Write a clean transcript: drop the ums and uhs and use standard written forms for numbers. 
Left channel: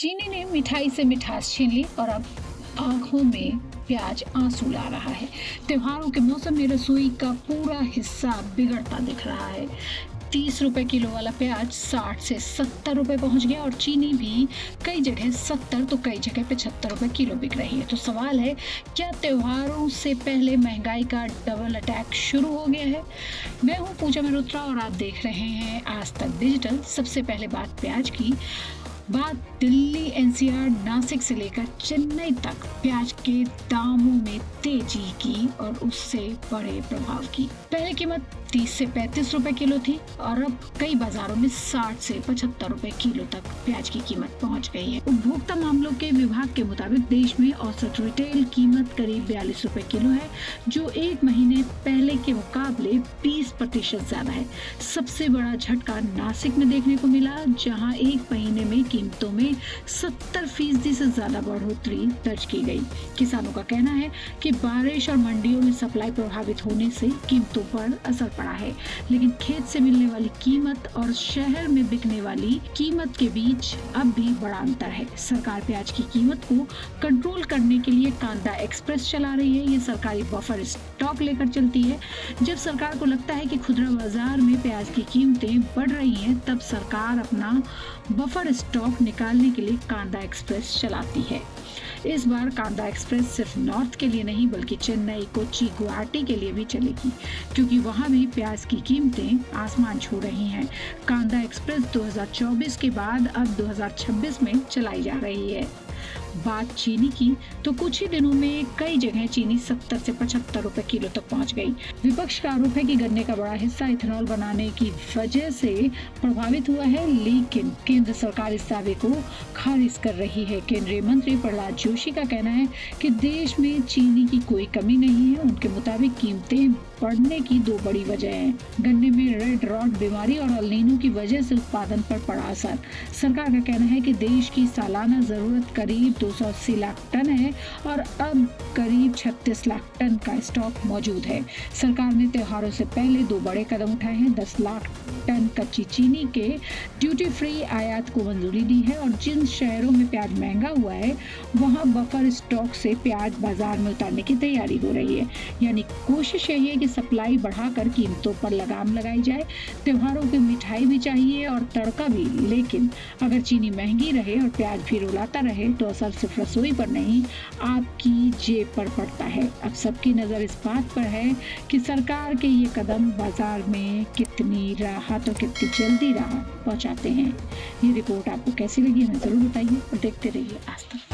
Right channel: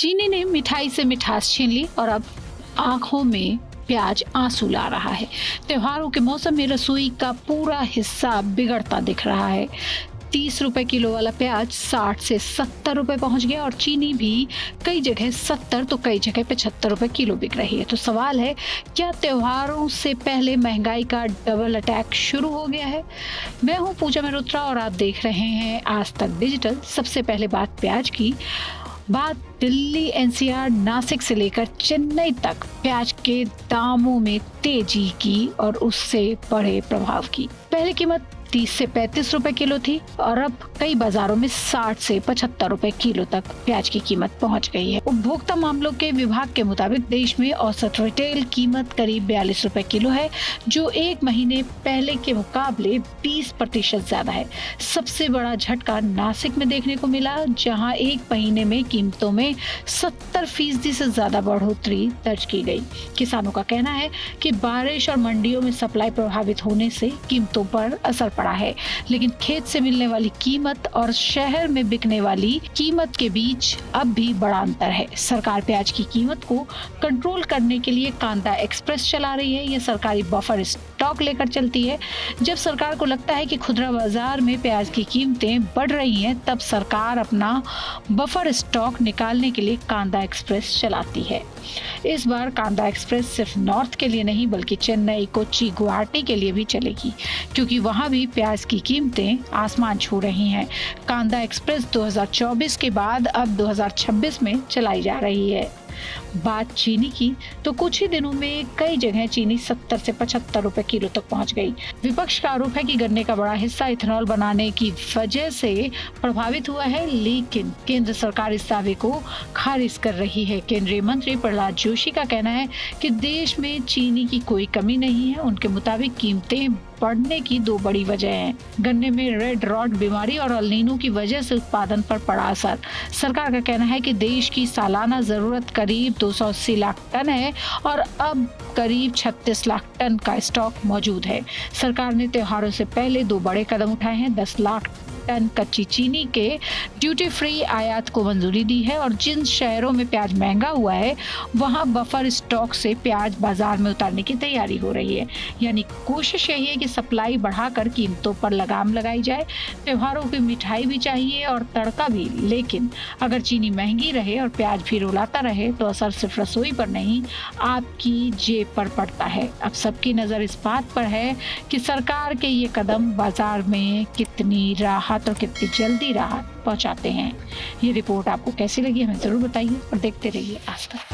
चीनी ने मिठाई से मिठास छीन ली और अब आंखों में प्याज आंसू ला रहा है। त्योहारों के मौसम में रसोई का पूरा हिस्सा बिगड़ता दिख रहा है। 30 रुपए किलो वाला प्याज 60 से 70 रुपए पहुंच गया और चीनी भी कई जगह 70 तो कई जगह 75 रुपए किलो बिक रही है। तो सवाल है, क्या त्योहारों से पहले महंगाई का डबल अटैक शुरू हो गया है? मैं हूं पूजा मल्होत्रा और आप देख रहे हैं आज तक डिजिटल। सबसे पहले बात प्याज की। बात दिल्ली, एनसीआर, नासिक से लेकर चेन्नई तक प्याज के दामों में तेजी की और उससे बड़े प्रभाव की। पहले कीमत 30 से 35 रुपए किलो थी और अब कई बाजारों में 60 से 75 रुपए किलो तक प्याज की कीमत पहुंच गई है। उपभोक्ता मामलों के विभाग के मुताबिक देश में औसत रिटेल कीमत करीब 42 रुपए किलो है, जो एक महीने पहले के मुकाबले 20% ज्यादा है। सबसे बड़ा झटका नासिक में देखने को मिला, जहां एक महीने में कीमतों में 70% से ज्यादा बढ़ोतरी दर्ज की गई। किसानों का कहना है कि बारिश और मंडियों में सप्लाई प्रभावित होने से कीमतों पर असर पड़ा है, लेकिन खेत से मिलने वाली कीमत और शहर में बिकने वाली कीमत के बीच अब भी बड़ा अंतर है। सरकार प्याज की कीमत को कंट्रोल करने के लिए कांदा एक्सप्रेस चला रही है। ये सरकारी बफर स्टॉक लेकर चलती है। जब सरकार को लगता है कि खुदरा बाजार में प्याज की कीमतें बढ़ रही हैं, तब सरकार अपना बफर स्टॉक निकालने के लिए कांदा एक्सप्रेस चलाती है। इस बार कांदा एक्सप्रेस सिर्फ नॉर्थ के लिए नहीं बल्कि चेन्नई, कोच्चि, गुवाहाटी के लिए भी चलेगी, क्योंकि वहां भी प्याज की कीमतें आसमान छू रही हैं। कांदा एक्सप्रेस 2024 के बाद अब 2026 में चलाई जा रही है। बात चीनी की तो कुछ ही दिनों में कई जगह चीनी 70 से 75 रुपए किलो तक पहुंच गई। विपक्ष का आरोप है कि गन्ने का बड़ा हिस्सा इथेनॉल बनाने की वजह से प्रभावित हुआ है, लेकिन केंद्र सरकार इस दावे को खारिज कर रही है। केंद्रीय मंत्री प्रहलाद जोशी का कहना है कि देश में चीनी की कोई कमी नहीं है। उनके मुताबिक कीमतें बढ़ने की दो बड़ी वजह हैं। गन्ने में रेड रॉट बीमारी और अल नीनो की वजह से उत्पादन पर पड़ा असर। सरकार का कहना है कि देश की सालाना जरूरत करीब 280 लाख टन है और अब करीब 36 लाख टन का स्टॉक मौजूद है। सरकार ने त्योहारों से पहले दो बड़े कदम उठाए हैं। 10 लाख टन कच्ची चीनी के ड्यूटी फ्री आयात को मंजूरी दी है और जिन शहरों में प्याज महंगा हुआ है, वहां बफर स्टॉक से प्याज बाजार में उतारने की तैयारी हो रही है। यानी कोशिश यही है कि सप्लाई बढ़ाकर कीमतों पर लगाम लगाई जाए। त्योहारों की मिठाई भी चाहिए और तड़का भी, लेकिन अगर चीनी महंगी रहे और प्याज भी रुलाता रहे तो असर सिर्फ रसोई पर नहीं, आपकी जेब पर पड़ता है। अब सबकी नजर इस बात पर है कि सरकार के ये कदम बाजार में कितनी राहत और कितनी जल्दी राहत पहुंचाते हैं। ये रिपोर्ट आपको कैसी लगी हमें जरूर बताइए और देखते रहिए आज तक।